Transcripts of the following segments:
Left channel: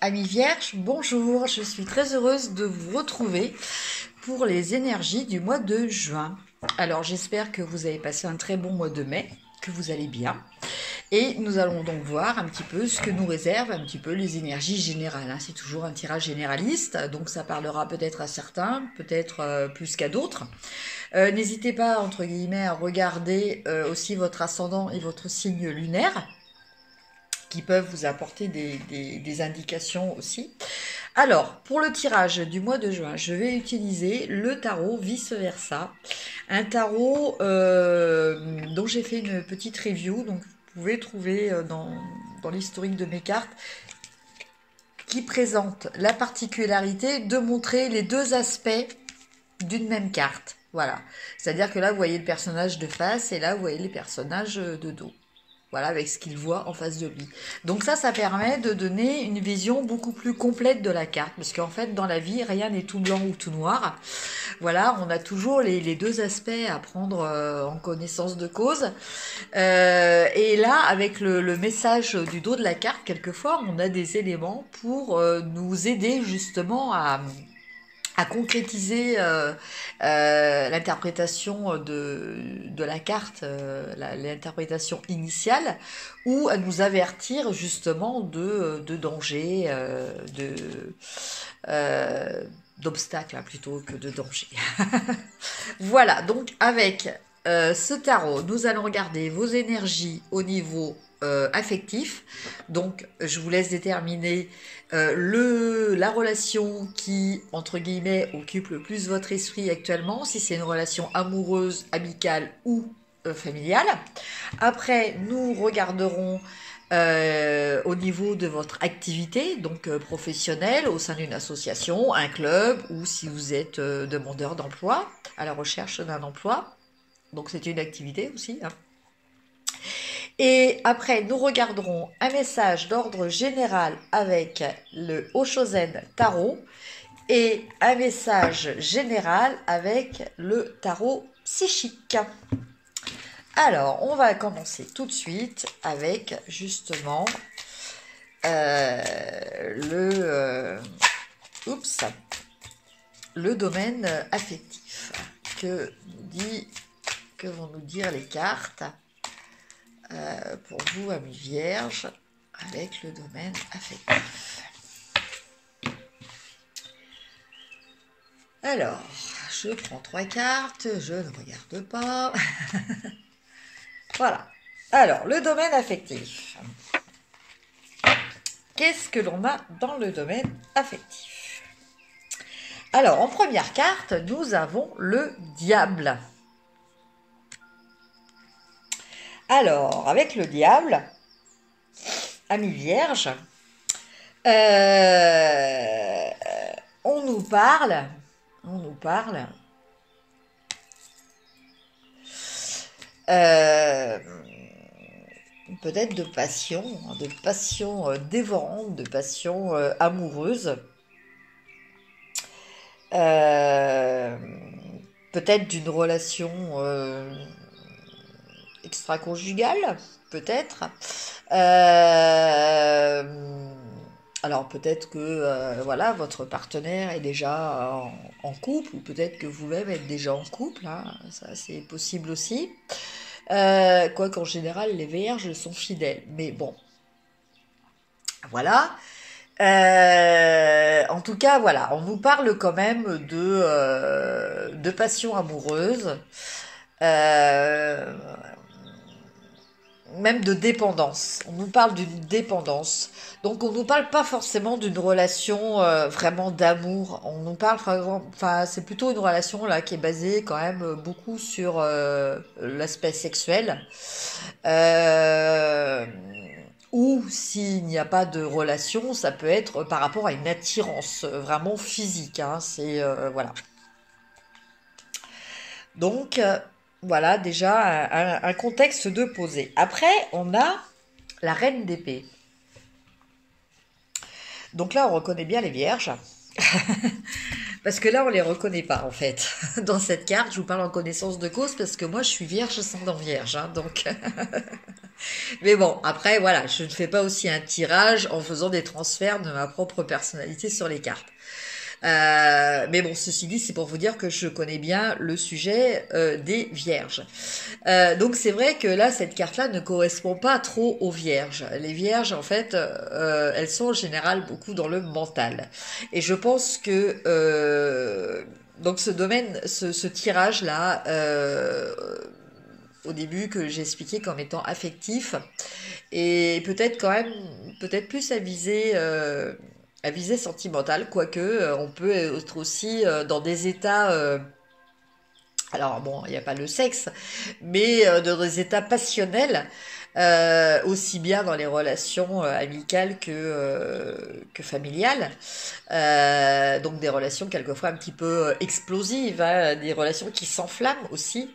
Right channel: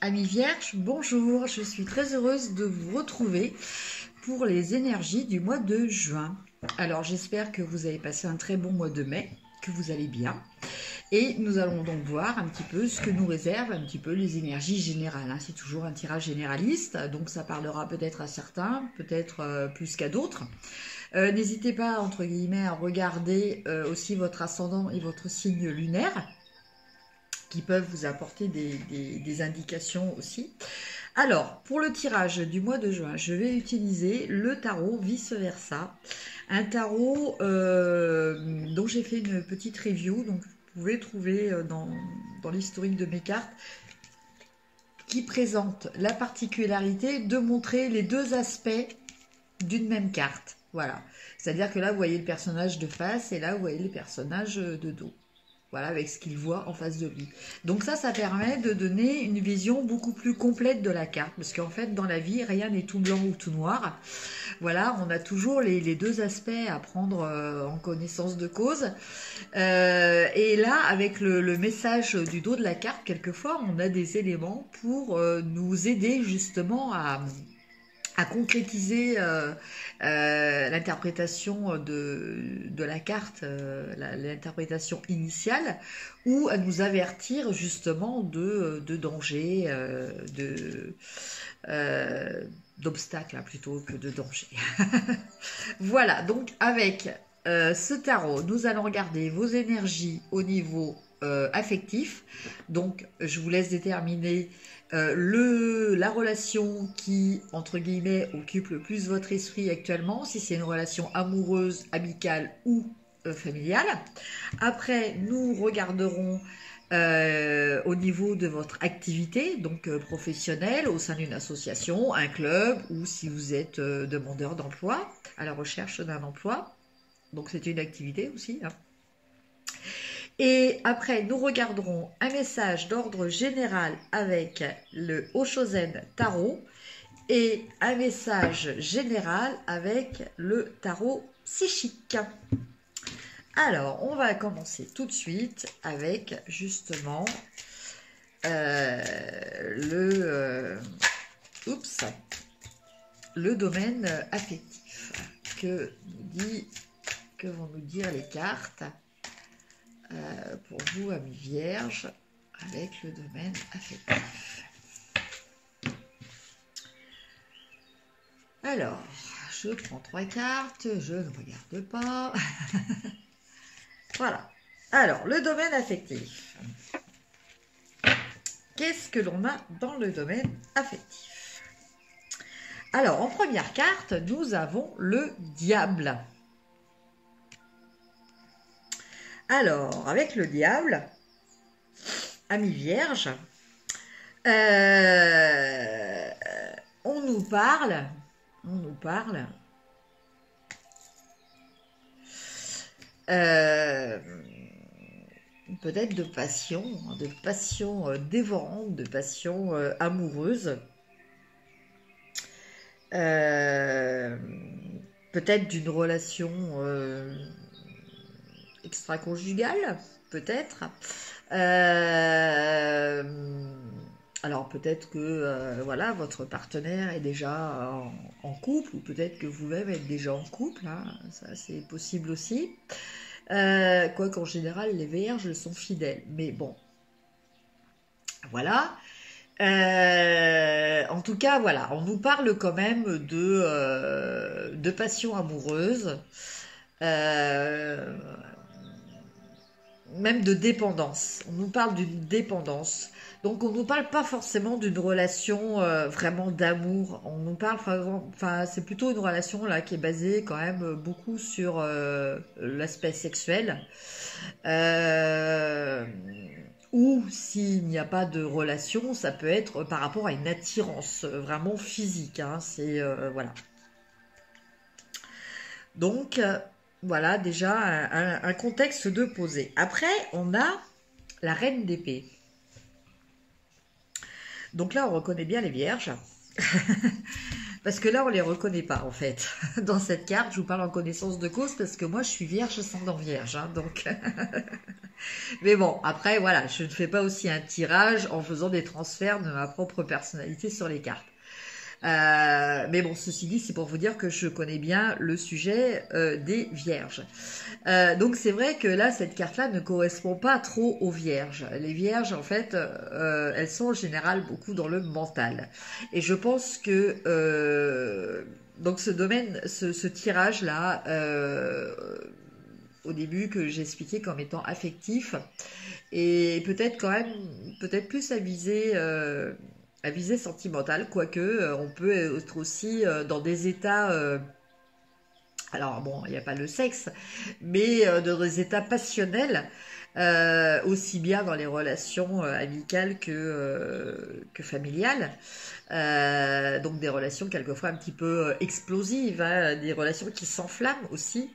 Amis Vierge, bonjour, je suis très heureuse de vous retrouver pour les énergies du mois de juin. Alors j'espère que vous avez passé un très bon mois de mai, que vous allez bien. Et nous allons donc voir un petit peu ce que nous réservent un petit peu les énergies générales. C'est toujours un tirage généraliste, donc ça parlera peut-être à certains, peut-être plus qu'à d'autres. N'hésitez pas, entre guillemets, à regarder aussi votre ascendant et votre signe lunaire, qui peuvent vous apporter des indications aussi. Alors, pour le tirage du mois de juin, je vais utiliser le tarot vice-versa. Un tarot dont j'ai fait une petite review, donc vous pouvez trouver dans l'historique de mes cartes, qui présente la particularité de montrer les deux aspects d'une même carte. Voilà. C'est-à-dire que là, vous voyez le personnage de face et là, vous voyez les personnages de dos. Voilà, avec ce qu'il voit en face de lui. Donc ça permet de donner une vision beaucoup plus complète de la carte. Parce qu'en fait, dans la vie, rien n'est tout blanc ou tout noir. Voilà, on a toujours les deux aspects à prendre en connaissance de cause. Et là, avec le message du dos de la carte, quelquefois, on a des éléments pour nous aider justement à concrétiser l'interprétation de la carte, l'interprétation initiale, ou à nous avertir justement de dangers, d'obstacles plutôt que de dangers. Voilà, donc avec ce tarot, nous allons regarder vos énergies au niveau affectif. Donc, je vous laisse déterminer la relation qui, entre guillemets, occupe le plus votre esprit actuellement, si c'est une relation amoureuse, amicale ou familiale. Après, nous regarderons au niveau de votre activité, donc professionnelle, au sein d'une association, un club, ou si vous êtes demandeur d'emploi, à la recherche d'un emploi. Donc c'est une activité aussi, hein. Et après, nous regarderons un message d'ordre général avec le Oshozen Tarot et un message général avec le tarot psychique. Alors, on va commencer tout de suite avec justement le domaine affectif. Que vont nous dire les cartes pour vous, amis vierges, avec le domaine affectif. Alors, je prends 3 cartes, je ne regarde pas. Voilà. Alors, le domaine affectif. Qu'est-ce que l'on a dans le domaine affectif? Alors, en première carte, nous avons le diable. Alors, avec le diable, amis vierges, on nous parle peut-être de passion dévorante, de passion amoureuse, peut-être d'une relation extra-conjugale, peut-être. Alors peut-être que voilà, votre partenaire est déjà en couple, ou peut-être que vous-même êtes déjà en couple, hein, ça c'est possible aussi. Quoi qu'en général, les vierges sont fidèles. Mais bon, voilà. En tout cas, voilà, on nous parle quand même de passion amoureuse. Même de dépendance. On nous parle d'une dépendance. Donc on nous parle pas forcément d'une relation vraiment d'amour. On nous parle, enfin c'est plutôt une relation là qui est basée quand même beaucoup sur l'aspect sexuel. Ou s'il n'y a pas de relation, ça peut être par rapport à une attirance vraiment physique, hein. C'est voilà. Donc voilà déjà un contexte de poser. Après, on a la reine d'épée. Donc là, on reconnaît bien les vierges. Parce que là, on les reconnaît pas, en fait. Dans cette carte, je vous parle en connaissance de cause, parce que moi, je suis vierge ascendant vierge. Hein, donc, Mais bon, après, voilà, je ne fais pas aussi un tirage en faisant des transferts de ma propre personnalité sur les cartes. Mais bon, ceci dit, c'est pour vous dire que je connais bien le sujet des vierges. Donc c'est vrai que là, cette carte-là ne correspond pas trop aux vierges. Les vierges, en fait, elles sont en général beaucoup dans le mental. Et je pense que donc ce domaine, ce tirage-là, au début que j'ai expliqué comme étant affectif, et peut-être quand même, peut-être plus à visée sentimentale, quoique on peut être aussi dans des états, alors bon, il n'y a pas le sexe, mais dans des états passionnels, aussi bien dans les relations amicales que familiales. Donc des relations quelquefois un petit peu explosives, hein, des relations qui s'enflamment aussi.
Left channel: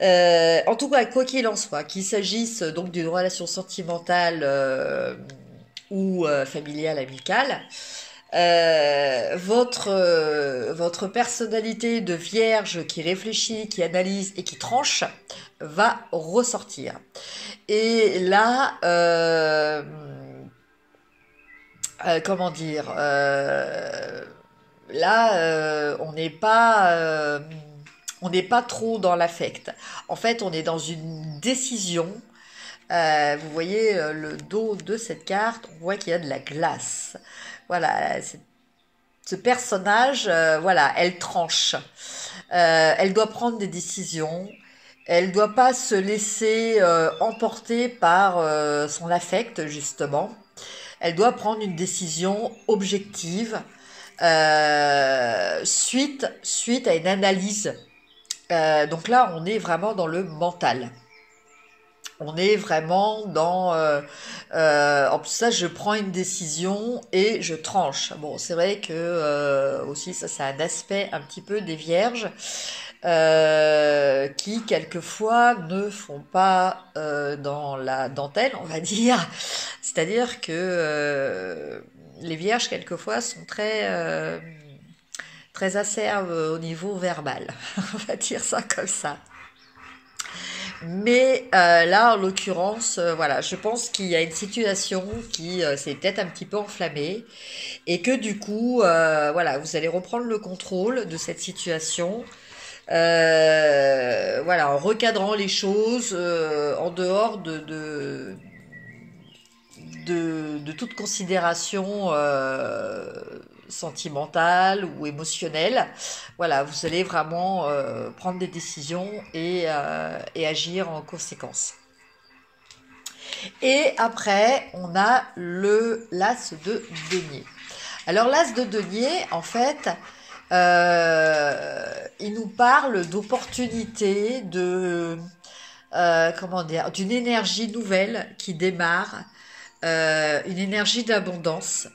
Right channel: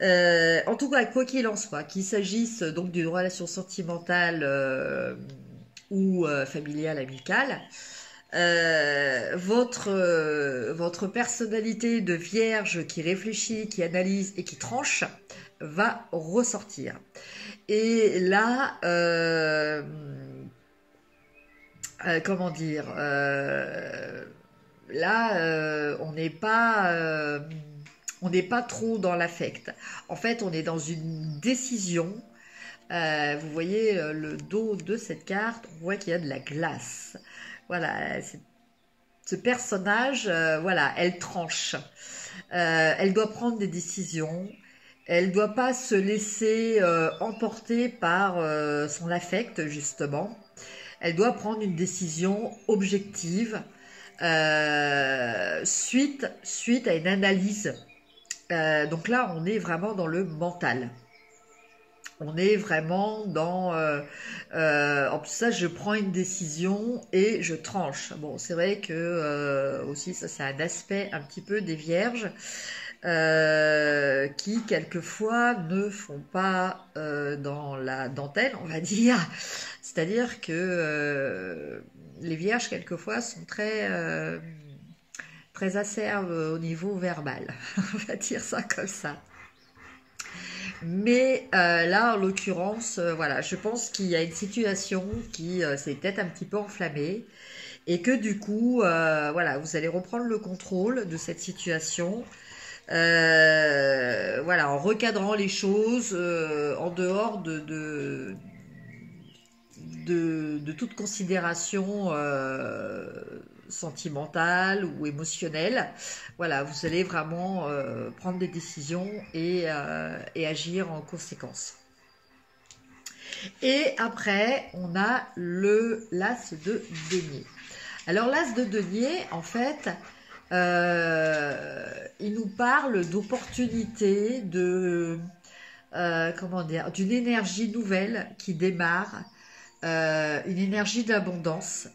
En tout cas, quoi qu'il en soit, qu'il s'agisse donc d'une relation sentimentale ou familiale, amicale, votre personnalité de vierge qui réfléchit, qui analyse et qui tranche va ressortir. Et là, comment dire, là, on n'est pas trop dans l'affect. En fait, on est dans une décision. Vous voyez le dos de cette carte, on voit qu'il y a de la glace. Voilà, ce personnage, voilà, elle tranche. Elle doit prendre des décisions. Elle ne doit pas se laisser emporter par son affect, justement. Elle doit prendre une décision objective suite à une analyse. Donc là, on est vraiment dans le mental. On est vraiment dans en plus ça, je prends une décision et je tranche. Bon, c'est vrai que aussi ça, c'est un aspect un petit peu des vierges qui quelquefois ne font pas dans la dentelle, on va dire. C'est-à-dire que les vierges quelquefois sont très acerbes au niveau verbal. On va dire ça comme ça. Mais là, en l'occurrence, voilà, je pense qu'il y a une situation qui s'est peut-être un petit peu enflammée et que du coup, voilà, vous allez reprendre le contrôle de cette situation. Voilà, en recadrant les choses, en dehors de toute considération sentimentale ou émotionnelle. Voilà, vous allez vraiment prendre des décisions et agir en conséquence. Et après, on a l'as de denier. Alors l'as de denier, en fait, il nous parle d'opportunités, comment dire, d'une énergie nouvelle qui démarre, une énergie d'abondance.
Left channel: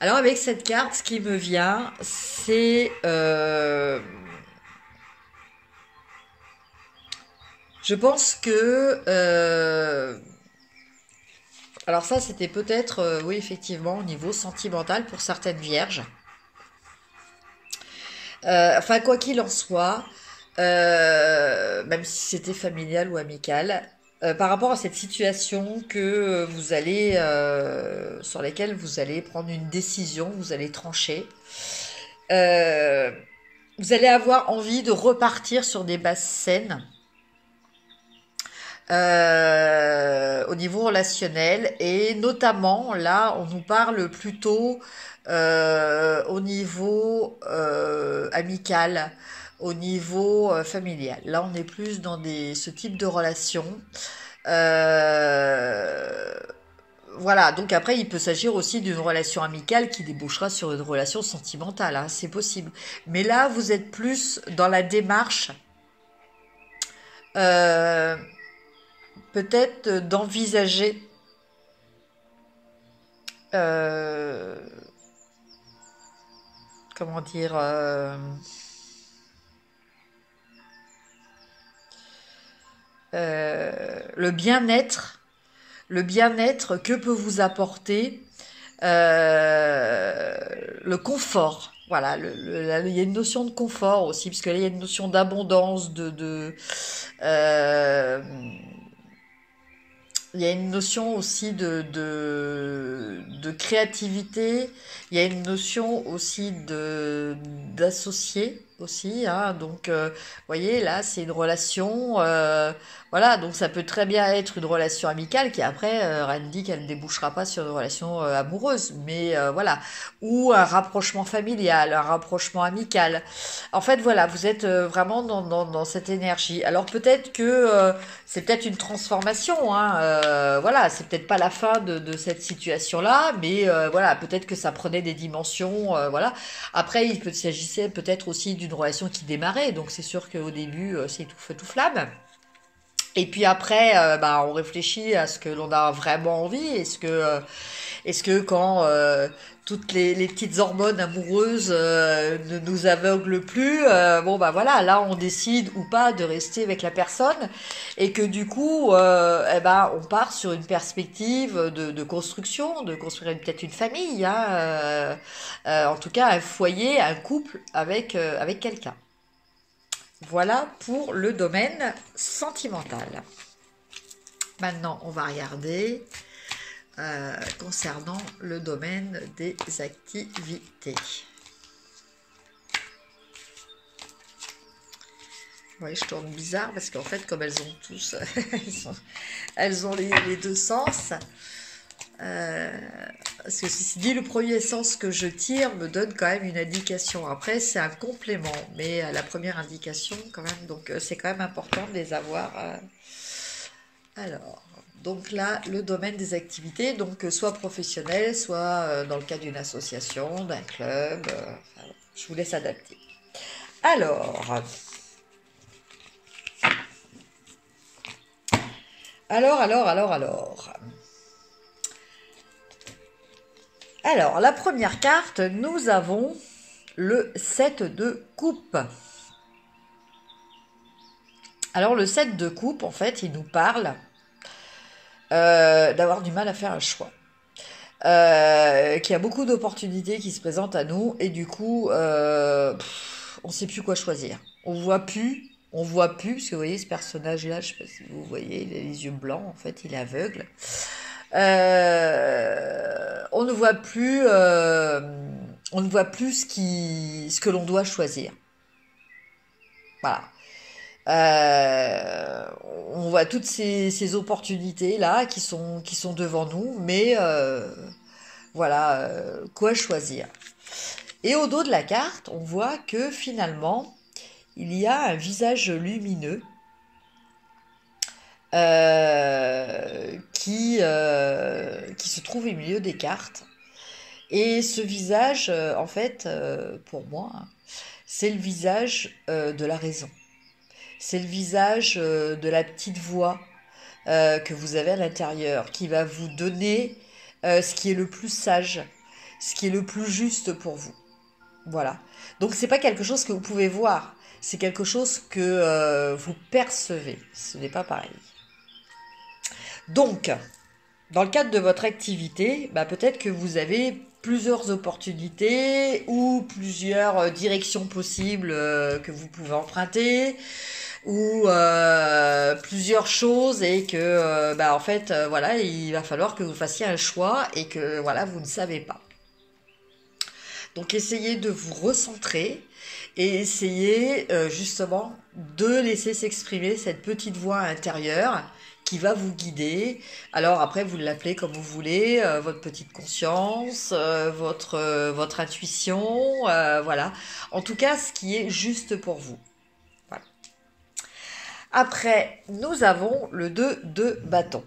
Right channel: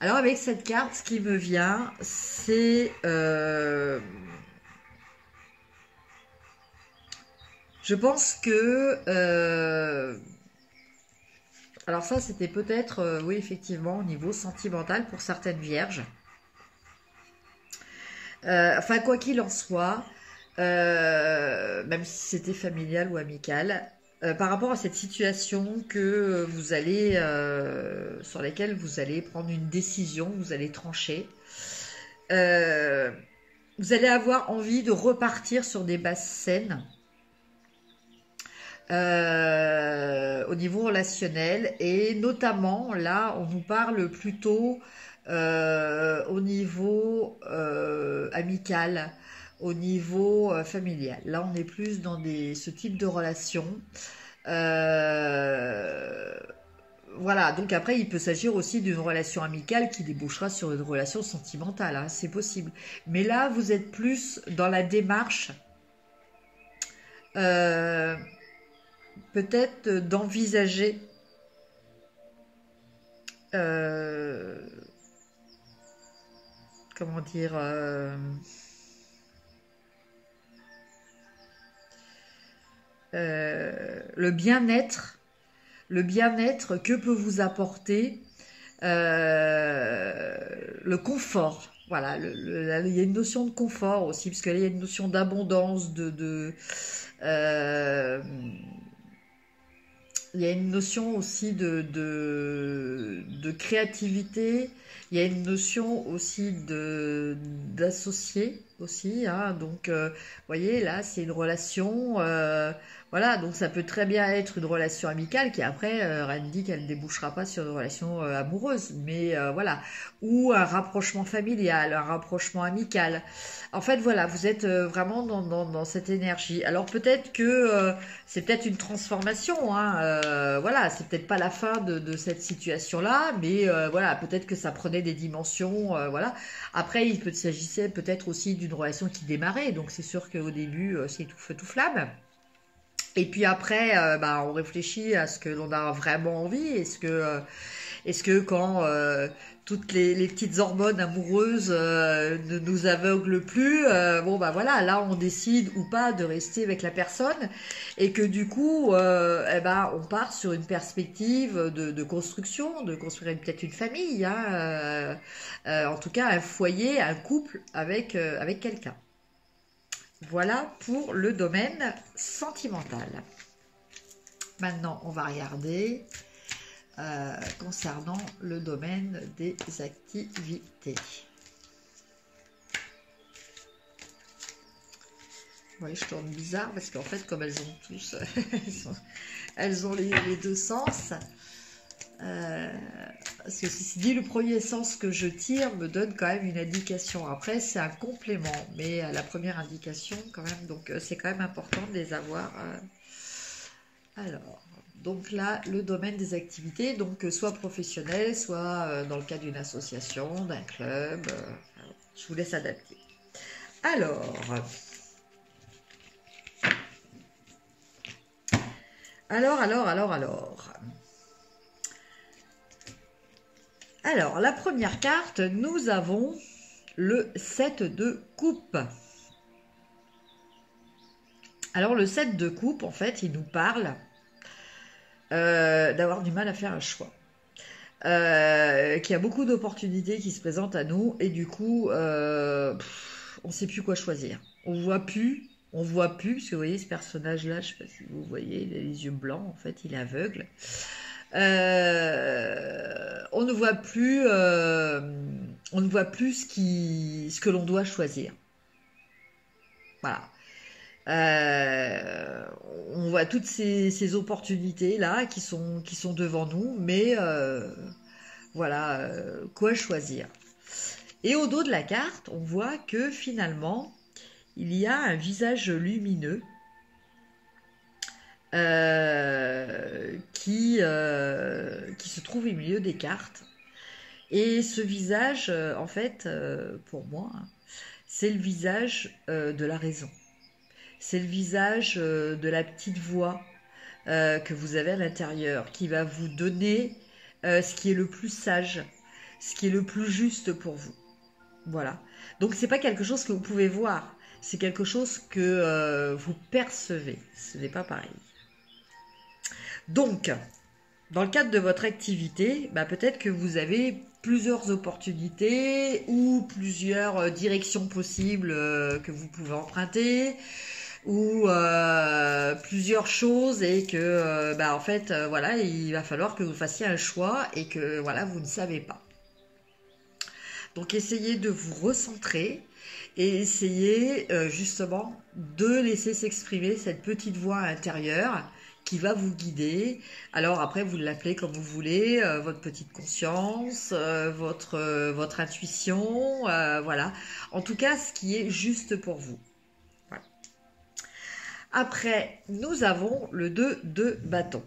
Alors avec cette carte, ce qui me vient, c'est je pense que alors ça c'était peut-être oui effectivement au niveau sentimental pour certaines vierges. Enfin quoi qu'il en soit, même si c'était familial ou amical, par rapport à cette situation que vous allez, sur laquelle vous allez prendre une décision, vous allez trancher, vous allez avoir envie de repartir sur des bases saines au niveau relationnel et notamment là on nous parle plutôt au niveau amical, au niveau familial. Là, on est plus dans ce type de relation. Voilà, donc après, il peut s'agir aussi d'une relation amicale qui débouchera sur une relation sentimentale, hein, c'est possible. Mais là, vous êtes plus dans la démarche, peut-être d'envisager comment dire le bien-être que peut vous apporter le confort. Voilà, il y a une notion de confort aussi, parce que là, il y a une notion d'abondance, euh, il y a une notion aussi de créativité, il y a une notion aussi d'associé aussi, hein. Donc, vous voyez, là, c'est une relation, voilà, donc ça peut très bien être une relation amicale qui après, rien ne dit qu'elle ne débouchera pas sur une relation amoureuse, mais voilà, ou un rapprochement familial, un rapprochement amical. En fait, voilà, vous êtes vraiment dans cette énergie. Alors peut-être que c'est peut-être une transformation, hein, voilà, c'est peut-être pas la fin de cette situation-là, mais voilà, peut-être que ça prenait des dimensions, voilà. Après, s'agissait peut-être aussi d'une relation qui démarrait, donc c'est sûr qu'au début, c'est tout feu tout flamme. Et puis après, bah, on réfléchit à ce que l'on a vraiment envie. Est-ce que quand toutes les petites hormones amoureuses ne nous aveuglent plus, bon bah voilà, là on décide ou pas de rester avec la personne et que du coup, eh ben, on part sur une perspective de construction, de construire peut-être une famille, hein, en tout cas un foyer, un couple avec quelqu'un. Voilà pour le domaine sentimental. Maintenant, on va regarder concernant le domaine des activités. Ouais, je tourne bizarre parce qu'en fait, comme elles ont tous, elles ont les deux sens. Parce que ceci dit, le premier sens que je tire me donne quand même une indication. Après, c'est un complément, mais la première indication quand même. Donc, c'est quand même important de les avoir. Alors, donc là, le domaine des activités, donc soit professionnel, soit dans le cadre d'une association, d'un club. Enfin, je vous laisse adapter. Alors, Alors, la première carte, nous avons le 7 de coupe. Alors, le 7 de coupe, en fait, il nous parle d'avoir du mal à faire un choix. Qu'il y a beaucoup d'opportunités qui se présentent à nous et du coup, on ne sait plus quoi choisir. On voit plus, parce que vous voyez ce personnage-là, je ne sais pas si vous voyez, il a les yeux blancs, en fait, il est aveugle. On ne voit plus, ce que l'on doit choisir. Voilà. On voit toutes ces opportunités là qui sont devant nous, mais voilà, quoi choisir. Et au dos de la carte, on voit que finalement, il y a un visage lumineux qui se trouve au milieu des cartes. Et ce visage, en fait, pour moi, hein, c'est le visage de la raison. C'est le visage de la petite voix que vous avez à l'intérieur, qui va vous donner ce qui est le plus sage, ce qui est le plus juste pour vous. Voilà. Donc c'est pas quelque chose que vous pouvez voir, c'est quelque chose que vous percevez. Ce n'est pas pareil. Donc, dans le cadre de votre activité, bah, peut-être que vous avez plusieurs opportunités ou plusieurs directions possibles que vous pouvez emprunter ou plusieurs choses et que bah, en fait voilà, il va falloir que vous fassiez un choix et que voilà, vous ne savez pas. Donc essayez de vous recentrer et essayez justement de laisser s'exprimer cette petite voix intérieure qui va vous guider. Alors après, vous l'appelez comme vous voulez, votre petite conscience, votre intuition, voilà. En tout cas, ce qui est juste pour vous. Voilà. Après, nous avons le 2 de bâton.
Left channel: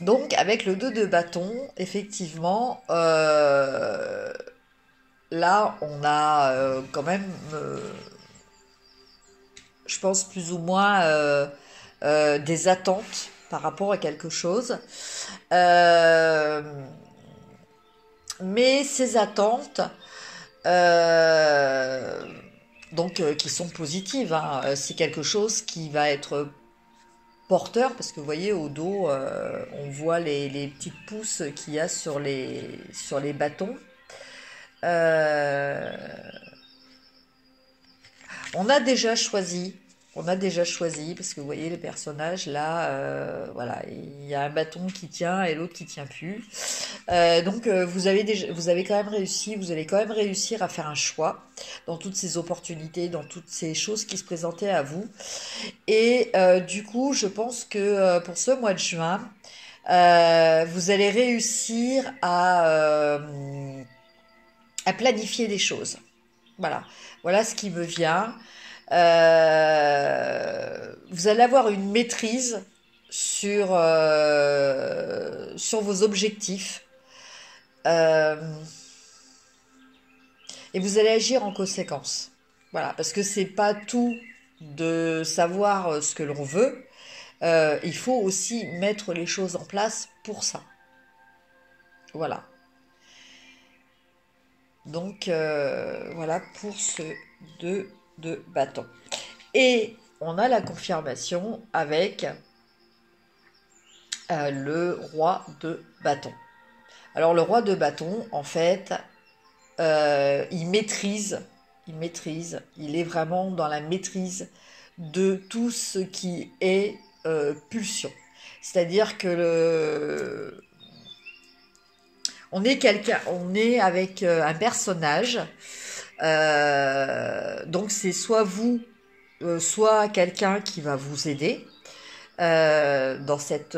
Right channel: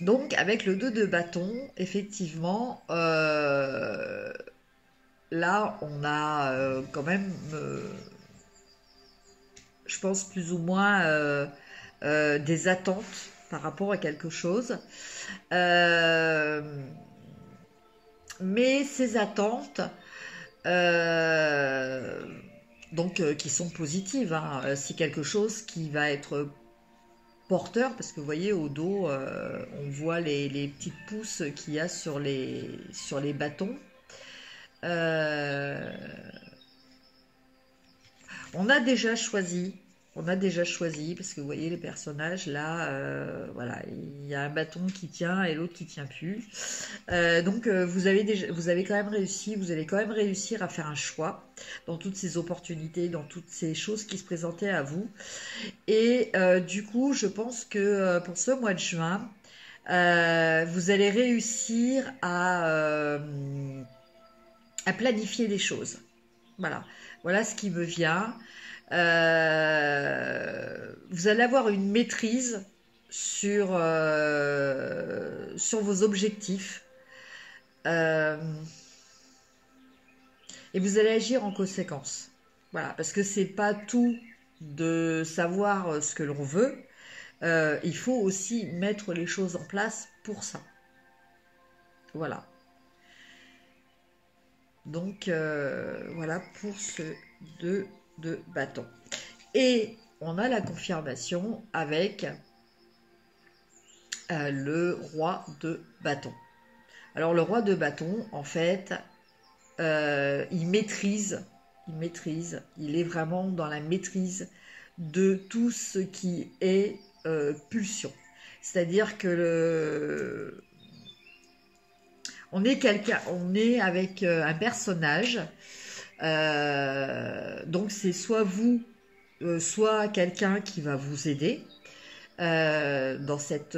Donc, avec le 2 de bâton, effectivement, là, on a quand même, je pense, plus ou moins des attentes par rapport à quelque chose. Mais ces attentes, qui sont positives, hein, c'est quelque chose qui va être porteur, parce que vous voyez au dos, on voit les petites pousses qu'il y a sur les bâtons. Euh, on a déjà choisi. On a déjà choisi, parce que vous voyez les personnages là, voilà, il y a un bâton qui tient et l'autre qui tient plus. Donc vous avez quand même réussi, vous allez quand même réussir à faire un choix dans toutes ces opportunités, dans toutes ces choses qui se présentaient à vous. Et du coup, je pense que pour ce mois de juin, vous allez réussir à planifier des choses. Voilà, voilà ce qui me vient. Vous allez avoir une maîtrise sur vos objectifs. Euh, et vous allez agir en conséquence. Voilà, parce que c'est pas tout de savoir ce que l'on veut. Il faut aussi mettre les choses en place pour ça. Voilà. Donc, voilà pour ce 2 de bâton. Et on a la confirmation avec le roi de bâton. Alors, le roi de bâton, en fait, il maîtrise, il est vraiment dans la maîtrise de tout ce qui est pulsion. C'est-à-dire que on est avec un personnage, donc c'est soit vous, soit quelqu'un qui va vous aider dans cet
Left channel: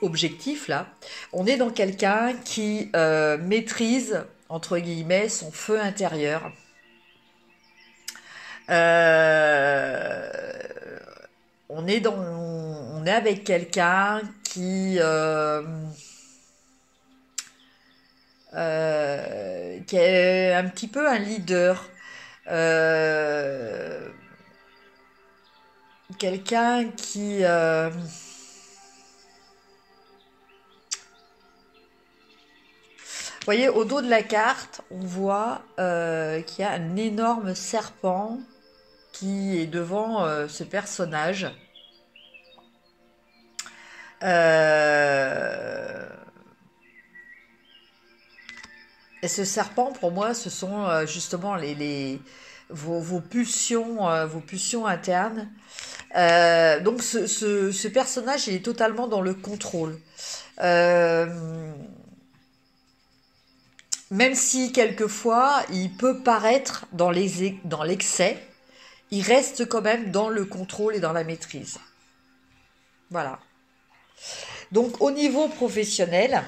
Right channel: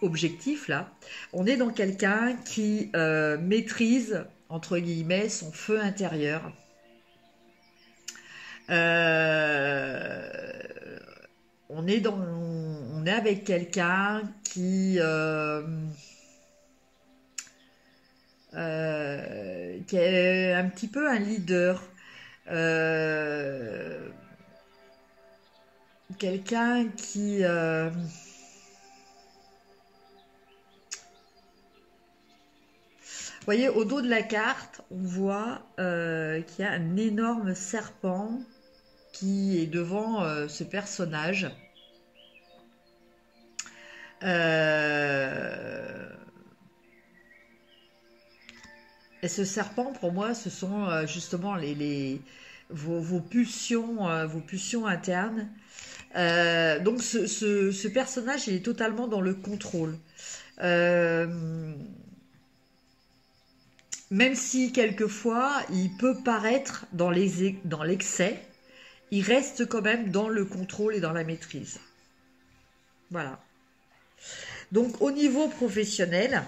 objectif-là. On est dans quelqu'un qui maîtrise, entre guillemets, son feu intérieur. On est avec quelqu'un qui est un petit peu un leader, quelqu'un qui vous voyez, au dos de la carte, on voit qu'il y a un énorme serpent qui est devant ce personnage. Et ce serpent, pour moi, ce sont justement vos pulsions internes. Donc ce personnage, il est totalement dans le contrôle. Même si quelquefois, il peut paraître dans l'excès, il reste quand même dans le contrôle et dans la maîtrise. Voilà. Donc au niveau professionnel,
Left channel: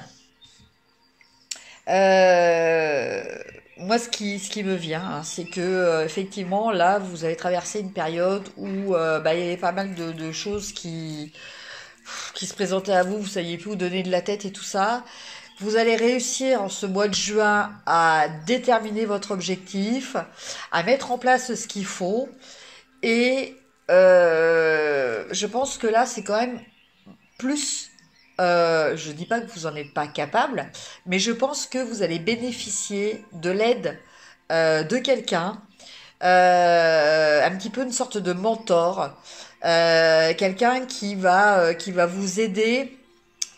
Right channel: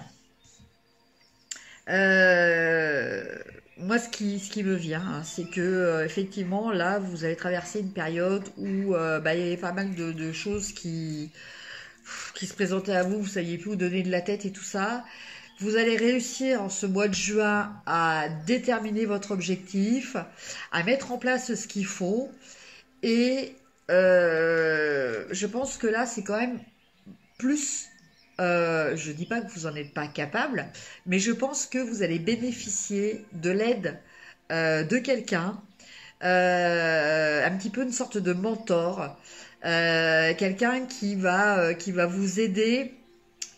moi ce qui me vient, hein, c'est que effectivement là vous avez traversé une période où il y avait pas mal de choses qui se présentaient à vous, vous saviez plus où donner de la tête et tout ça. Vous allez réussir en ce mois de juin à déterminer votre objectif, à mettre en place ce qu'il faut. Et je pense que là, c'est quand même plus... je ne dis pas que vous n'en êtes pas capable, mais je pense que vous allez bénéficier de l'aide de quelqu'un, un petit peu une sorte de mentor, quelqu'un qui va vous aider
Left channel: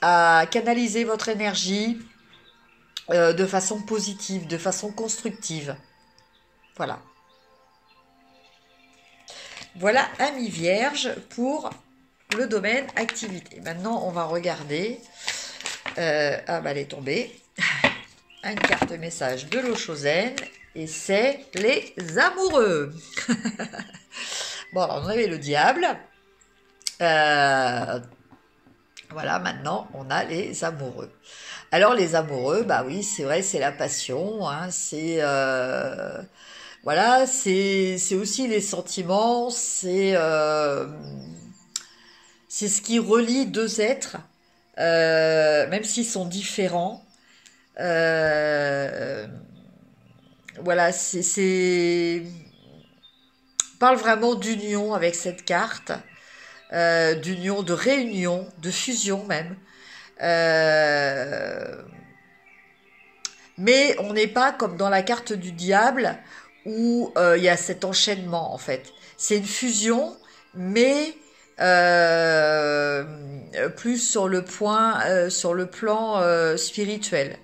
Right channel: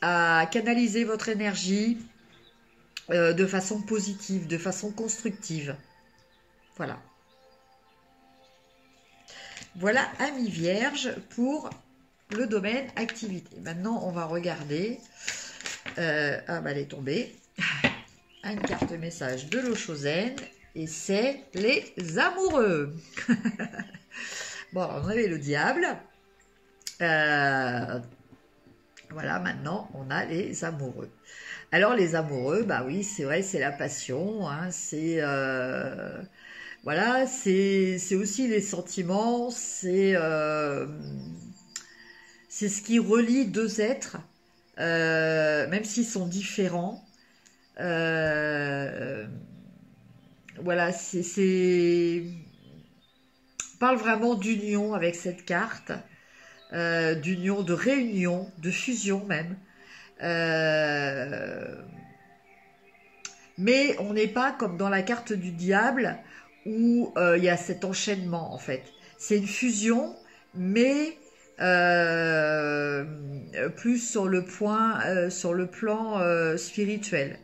à canaliser votre énergie de façon positive, de façon constructive. Voilà. Voilà, amis vierges, pour le domaine activité. Maintenant, on va regarder. Ah, bah, elle est tombée. Une carte message de l'eau chauzaine. Et c'est les amoureux. Bon, alors, on avait le diable. Voilà, maintenant, on a les amoureux. Alors, les amoureux, bah oui, c'est vrai, c'est la passion. Hein, voilà, c'est aussi les sentiments, c'est ce qui relie deux êtres, même s'ils sont différents. Voilà, on parle vraiment d'union avec cette carte, d'union, de réunion, de fusion même. Mais on n'est pas comme dans la carte du diable où il y a cet enchaînement en fait. C'est une fusion, mais plus sur le plan spirituel.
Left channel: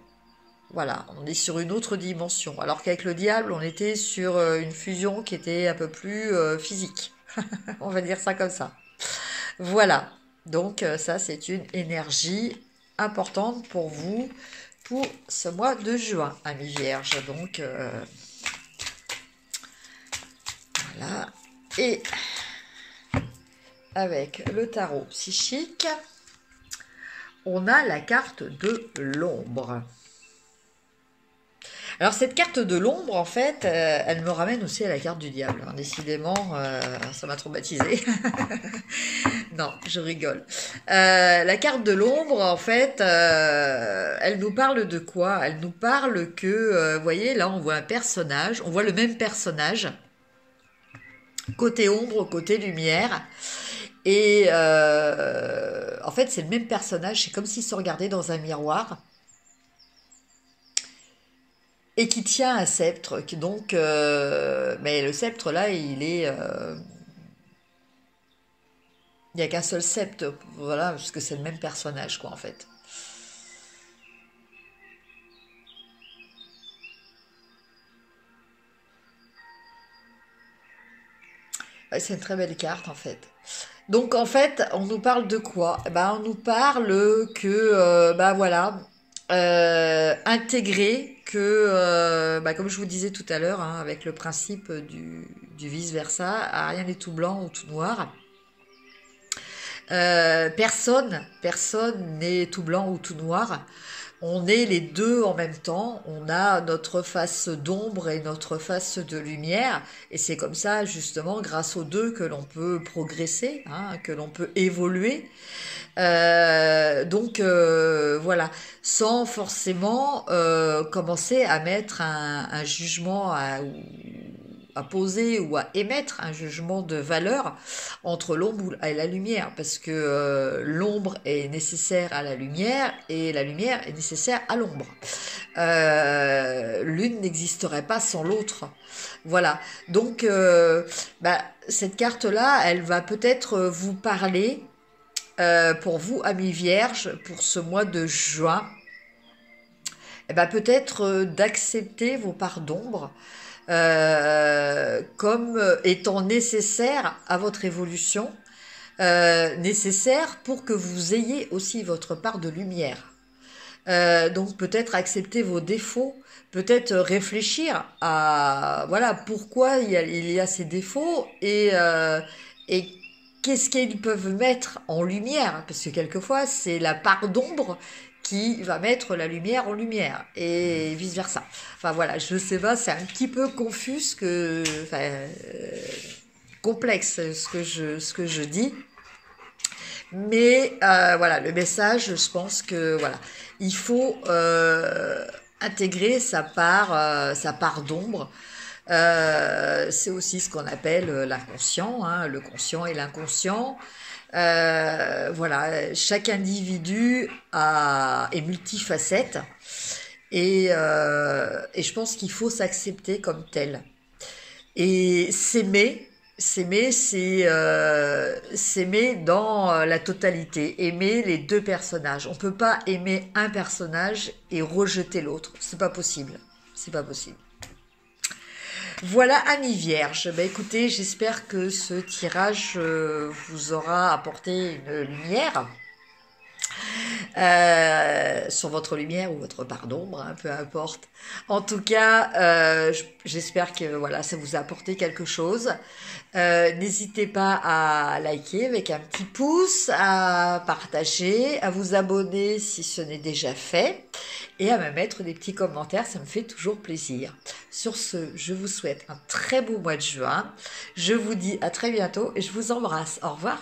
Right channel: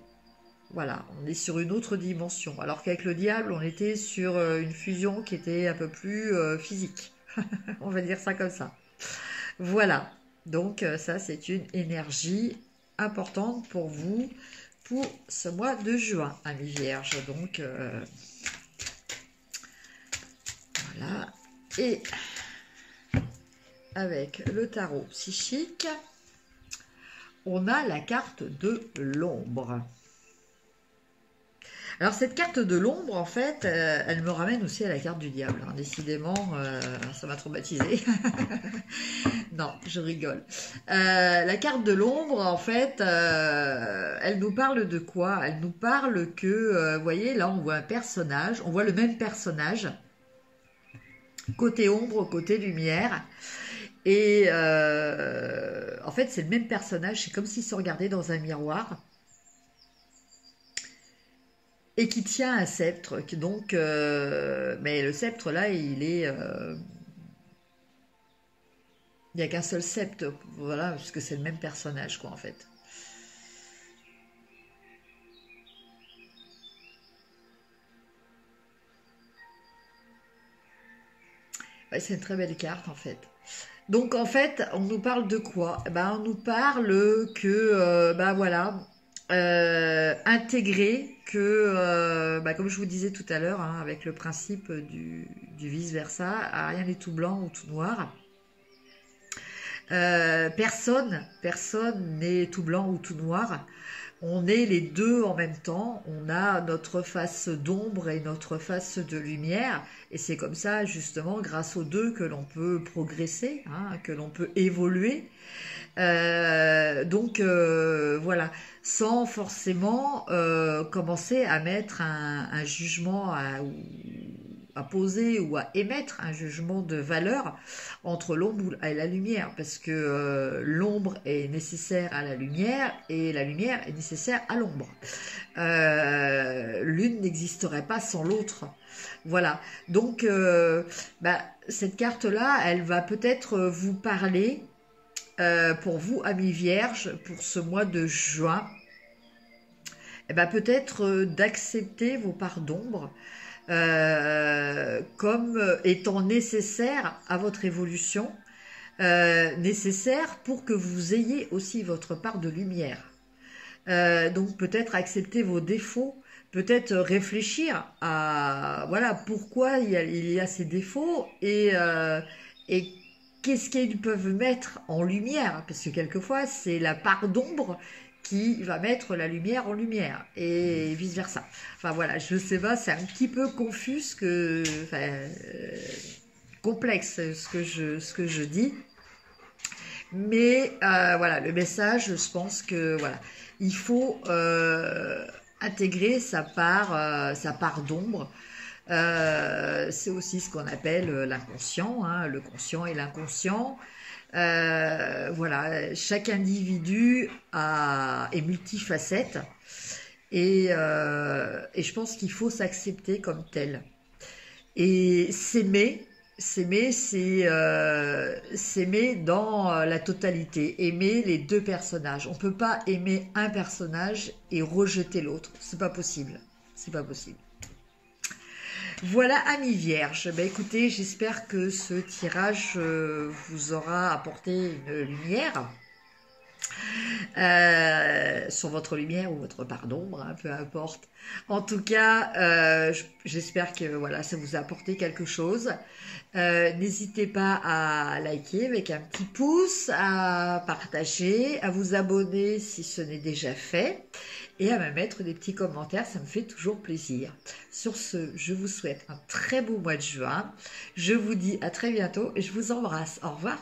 voilà, on est sur une autre dimension. Alors qu'avec le diable, on était sur une fusion qui était un peu plus physique. On va dire ça comme ça. Voilà. Donc ça, c'est une énergie importante pour vous pour ce mois de juin, amis vierges. Donc voilà. Et avec le tarot psychique, on a la carte de l'ombre. Alors cette carte de l'ombre, en fait, elle me ramène aussi à la carte du diable. Hein. Décidément, ça m'a traumatisée. Non, je rigole. La carte de l'ombre, en fait, elle nous parle de quoi? Elle nous parle que, vous voyez, là, on voit un personnage, on voit le même personnage, côté ombre, côté lumière. Et en fait, c'est le même personnage, c'est comme s'il se regardait dans un miroir. Et qui tient un sceptre. Donc, mais le sceptre là, il est, il n'y a qu'un seul sceptre, voilà, parce que c'est le même personnage, quoi, en fait. Ouais, c'est une très belle carte, en fait. Donc, en fait, on nous parle de quoi? On nous parle que, voilà, intégrer que, comme je vous disais tout à l'heure, hein, avec le principe du vice-versa, rien n'est tout blanc ou tout noir. Personne n'est tout blanc ou tout noir. On est les deux en même temps. On a notre face d'ombre et notre face de lumière. Et c'est comme ça, justement, grâce aux deux, que l'on peut progresser, hein, que l'on peut évoluer. Donc, voilà, sans forcément commencer à mettre un jugement à poser ou à émettre un jugement de valeur entre l'ombre et la lumière, parce que l'ombre est nécessaire à la lumière et la lumière est nécessaire à l'ombre. L'une n'existerait pas sans l'autre. Voilà, donc cette carte-là, elle va peut-être vous parler pour vous, amis vierges, pour ce mois de juin, peut-être d'accepter vos parts d'ombre, comme étant nécessaire à votre évolution, nécessaire pour que vous ayez aussi votre part de lumière. Donc peut-être accepter vos défauts, peut-être réfléchir à voilà pourquoi il y a ces défauts et qu'est-ce qu'ils peuvent mettre en lumière, parce que quelquefois c'est la part d'ombre qui va mettre la lumière en lumière, et vice-versa. Enfin voilà, je sais pas, c'est un petit peu confus, complexe ce que je dis. Mais voilà, le message, je pense que voilà, il faut intégrer sa part d'ombre. C'est aussi ce qu'on appelle l'inconscient, hein, le conscient et l'inconscient. Voilà, chaque individu est multifacette et je pense qu'il faut s'accepter comme tel. Et s'aimer, c'est s'aimer dans la totalité, aimer les deux personnages. On peut pas aimer un personnage et rejeter l'autre, c'est pas possible, c'est pas possible. Voilà, amis vierges, écoutez, j'espère que ce tirage vous aura apporté une lumière sur votre lumière ou votre part d'ombre, hein, peu importe. En tout cas, j'espère que voilà, ça vous a apporté quelque chose. N'hésitez pas à liker avec un petit pouce, à partager, à vous abonner si ce n'est déjà fait, et à me mettre des petits commentaires, ça me fait toujours plaisir. Sur ce, je vous souhaite un très beau mois de juin. Je vous dis à très bientôt et je vous embrasse. Au revoir.